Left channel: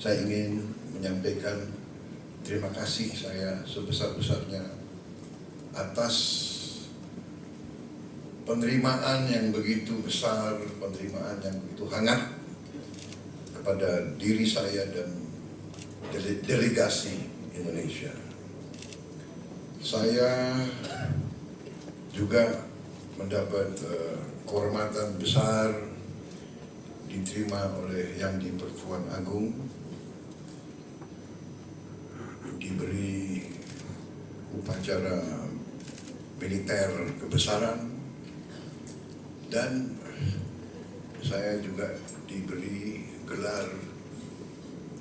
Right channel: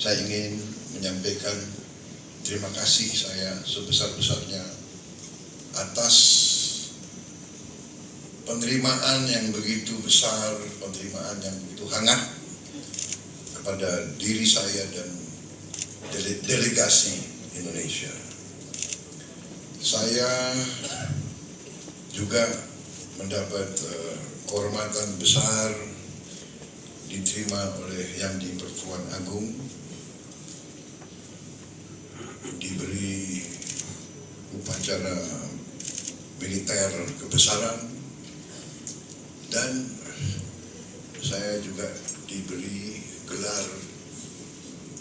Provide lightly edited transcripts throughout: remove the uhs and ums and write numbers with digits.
saya ingin menyampaikan terima kasih saya sebesar-besarnya atas penerimaan yang begitu besar, penerimaan yang begitu hangat kepada diri saya dan delegasi Indonesia. Saya juga mendapat kehormatan besar diterima oleh Yang di-Pertuan Agung, diberi upacara militer kebesaran, dan saya juga diberi gelar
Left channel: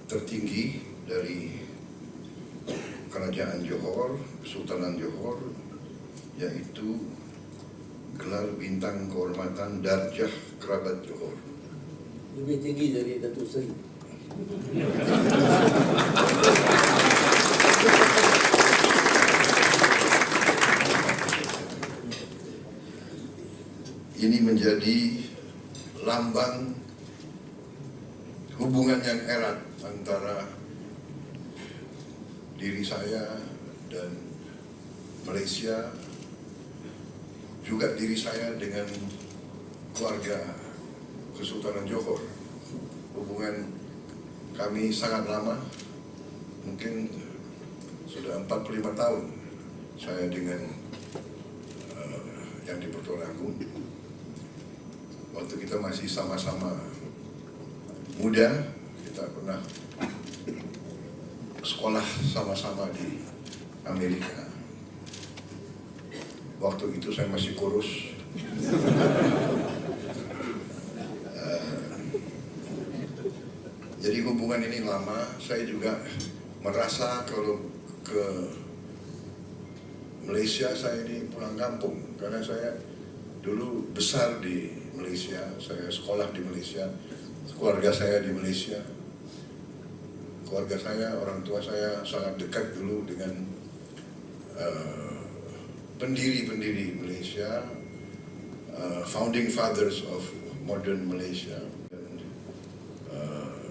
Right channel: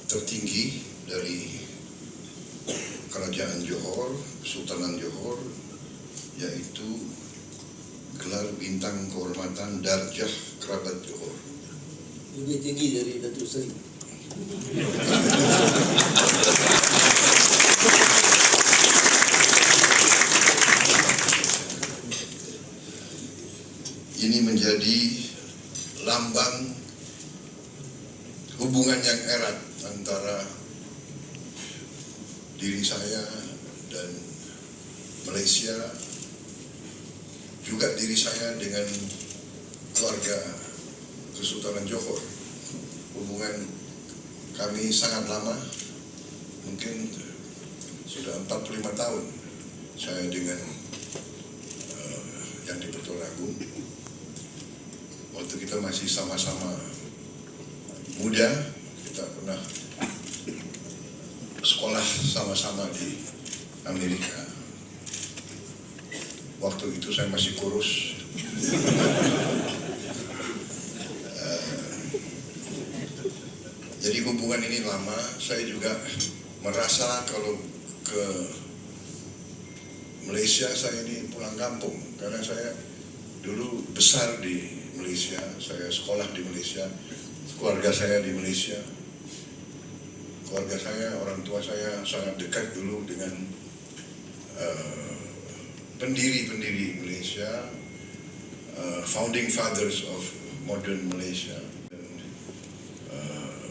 tertinggi dari Kerajaan Johor, Kesultanan Johor, yaitu gelar bintang kehormatan Darjah Kerabat Johor. Lebih tinggi dari Datuk Seri. Ini menjadi lambang hubungan yang erat antara diri saya dan Malaysia, juga diri saya dengan keluarga Kesultanan Johor. Hubungan kami sangat lama, mungkin sudah 45 tahun saya dengan Yang di-Pertuan Agung. Waktu kita masih sama-sama muda, kita pernah sekolah sama-sama di Amerika. Waktu itu saya masih kurus. Jadi hubungan ini lama. Saya juga merasa kalau ke Malaysia saya ini pulang kampung, karena saya dulu besar di Malaysia, saya sekolah di Malaysia, keluarga saya di Malaysia. Keluarga saya, orang tua saya sangat dekat dulu dengan pendiri-pendiri Malaysia, founding fathers of modern Malaysia,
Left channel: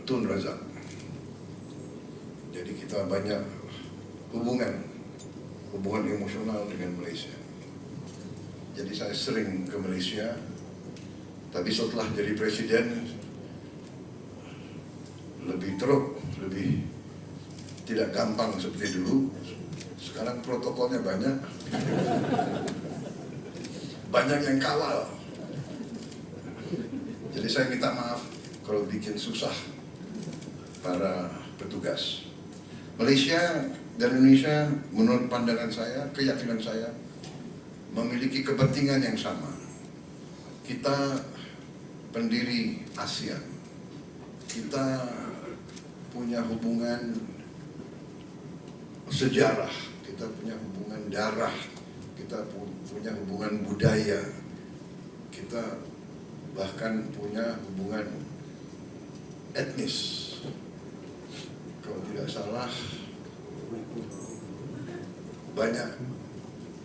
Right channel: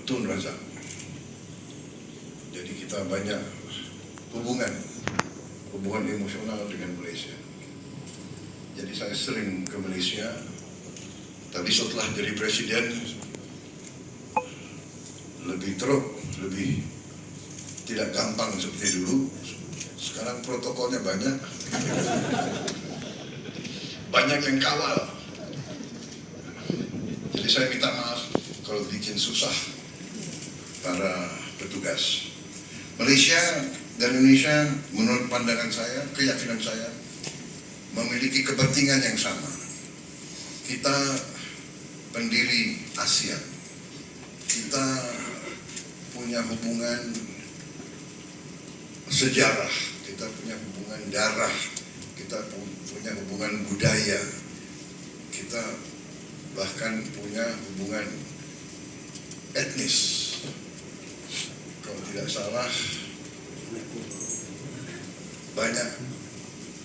Tun Razak. Jadi kita banyak hubungan emosional dengan Malaysia. Jadi saya sering ke Malaysia, tapi setelah jadi presiden lebih teruk, lebih tidak gampang seperti dulu. Sekarang protokolnya banyak, banyak yang kawal. Jadi saya minta maaf kalau bikin susah para petugas. Malaysia dan Indonesia menurut pandangan saya, keyakinan saya, memiliki kepentingan yang sama. Kita pendiri ASEAN, kita punya hubungan sejarah, kita punya hubungan darah, kita punya hubungan budaya, kita bahkan punya hubungan etnis. Kalau tidak salah, banyak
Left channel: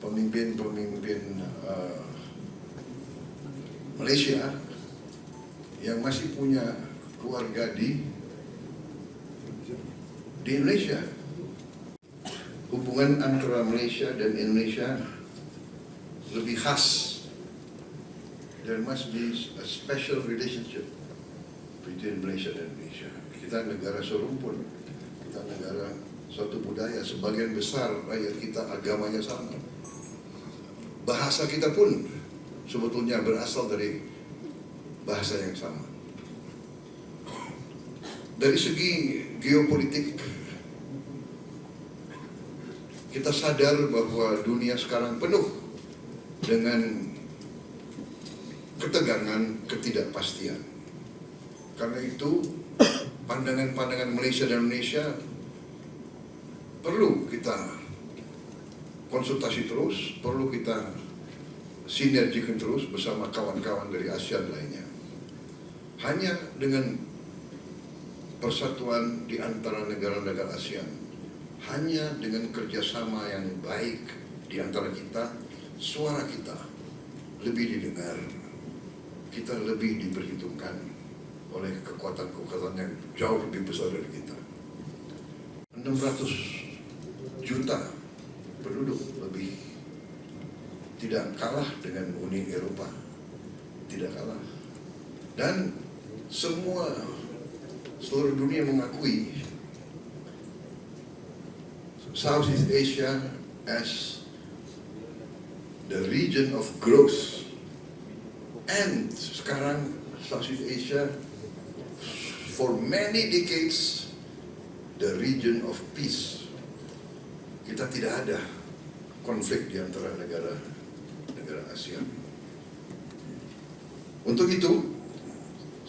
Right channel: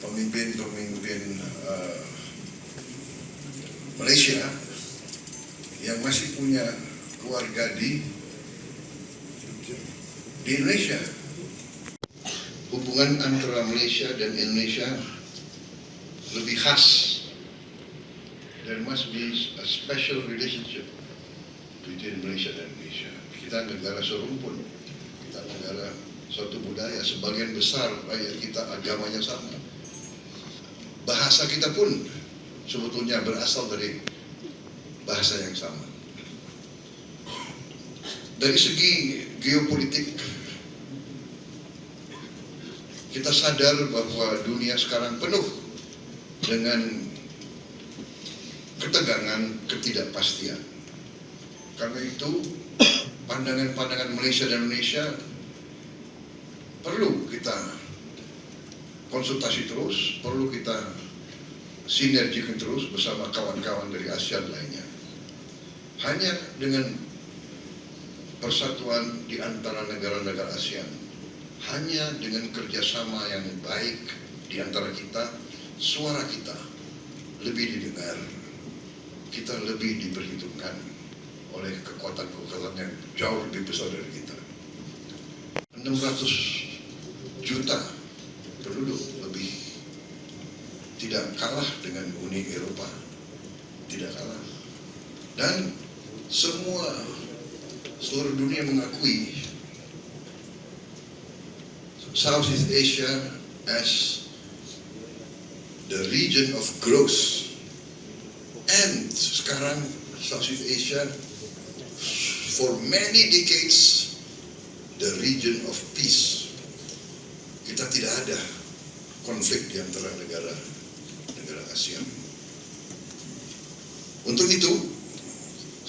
pemimpin-pemimpin Malaysia yang masih punya keluarga di Indonesia. Hubungan antara Malaysia dan Indonesia lebih khas. There must be a special relationship between Malaysia dan Indonesia. Kita negara serumpun, kita negara satu budaya, sebagian besar rakyat kita agamanya sama. Bahasa kita pun sebetulnya berasal dari bahasa yang sama. Dari segi geopolitik, kita sadar bahwa dunia sekarang penuh dengan ketegangan, ketidakpastian. Karena itu, pandangan-pandangan Malaysia dan Indonesia perlu kita konsultasi terus, perlu kita sinergikan terus bersama kawan-kawan dari ASEAN lainnya. Hanya dengan persatuan di antara negara-negara ASEAN, hanya dengan kerjasama yang baik di antara kita, suara kita lebih didengar, kita lebih diperhitungkan oleh kekuatan-kekuatan yang jauh lebih besar dari kita. 600 juta penduduk lebih, tidak kalah dengan Uni Eropa, tidak kalah. Dan seluruh dunia mengakui Southeast Asia as the region of growth, and sekarang Southeast Asia for many decades the region of peace. Kita tidak ada konflik di antara negara ASEAN. Untuk itu,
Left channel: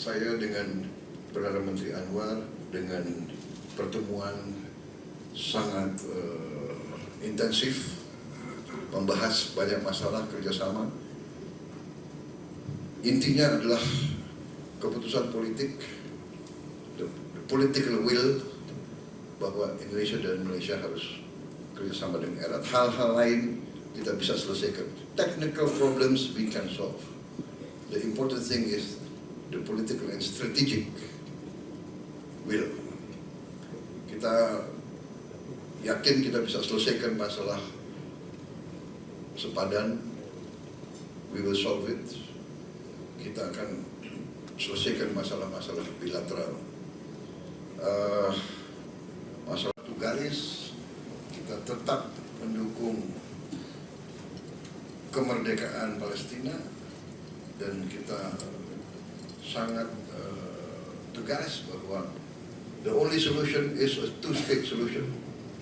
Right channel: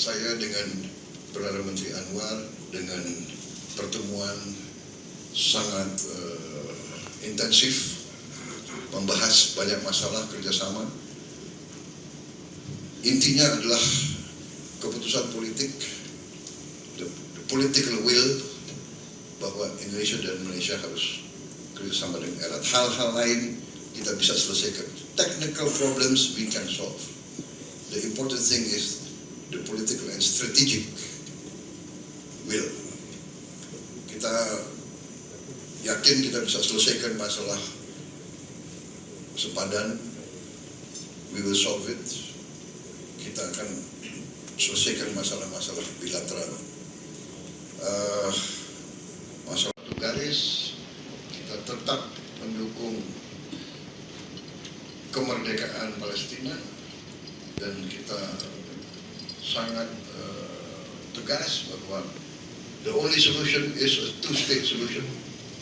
saya dengan Perdana Menteri Anwar dengan pertemuan sangat intensif, membahas banyak masalah kerjasama. Intinya adalah keputusan politik, the political will, bahwa Indonesia dan Malaysia harus kerjasama dengan erat. Hal-hal lain kita bisa selesaikan. Technical problems we can solve. The important thing is the political and strategic will. Kita yakin kita bisa selesaikan masalah sepadan. We will solve it. Kita akan selesaikan masalah-masalah bilateral. Masalah garis, kita tetap mendukung kemerdekaan Palestina dan kita sangat tegas bahwa the only solution is a two-state solution.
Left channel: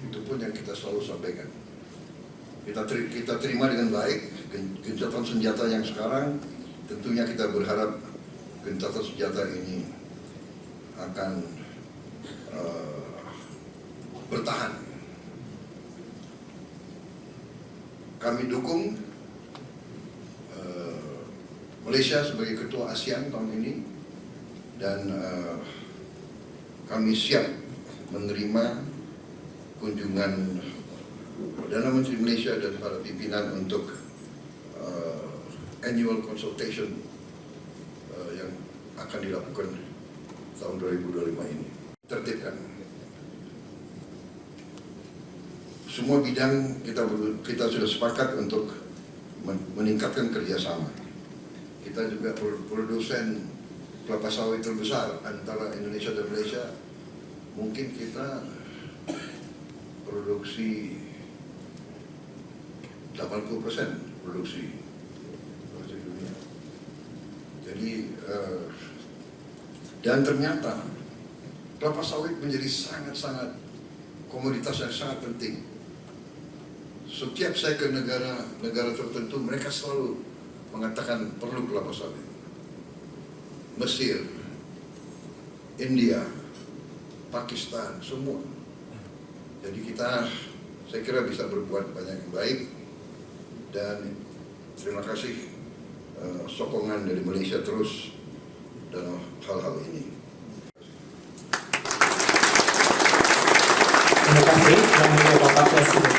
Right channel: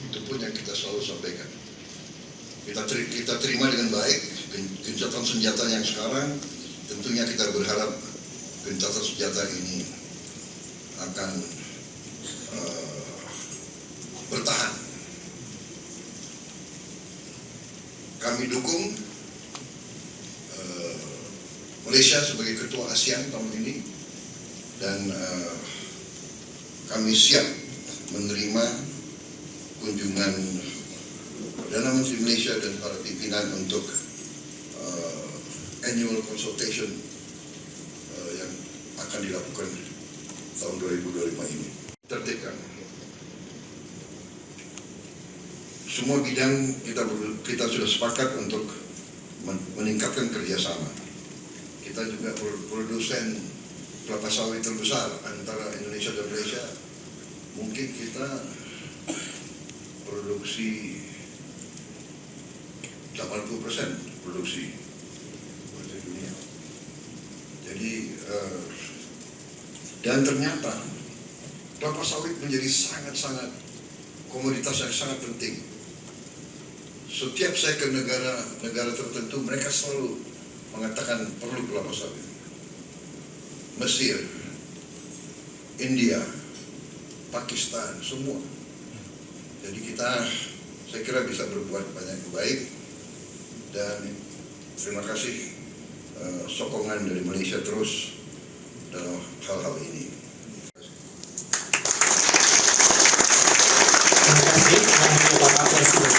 Itu pun yang kita selalu sampaikan. Kita terima dengan baik gencatan senjata yang sekarang. Tentunya kita berharap gencatan senjata ini akan bertahan. Kami dukung Malaysia sebagai ketua ASEAN tahun ini, dan kami siap menerima kunjungan Perdana Menteri Malaysia dan para pimpinan untuk annual consultation yang akan dilakukan tahun 2025 ini. Tertibkan semua bidang, kita sudah sepakat untuk meningkatkan kerjasama. Kita juga produsen kelapa sawit terbesar antara Indonesia dan Malaysia. Mungkin kita produksi 80% produksi di dunia. Jadi dan ternyata kelapa sawit menjadi sangat-sangat komoditas yang sangat penting. Setiap saya ke negara tertentu, mereka selalu mengatakan perlu kelapa sawit. Mesir, India, Pakistan, semua. Jadi saya kira bisa berbuat banyak yang baik, dan terima kasih sokongan dari Malaysia terus dalam hal-hal ini. Terima kasih kepada Bapak Presiden.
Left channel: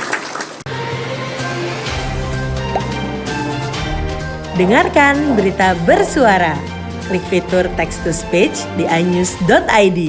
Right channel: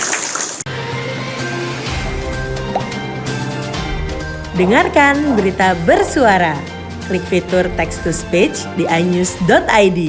Dengarkan berita bersuara. Klik fitur text to speech di inews.id.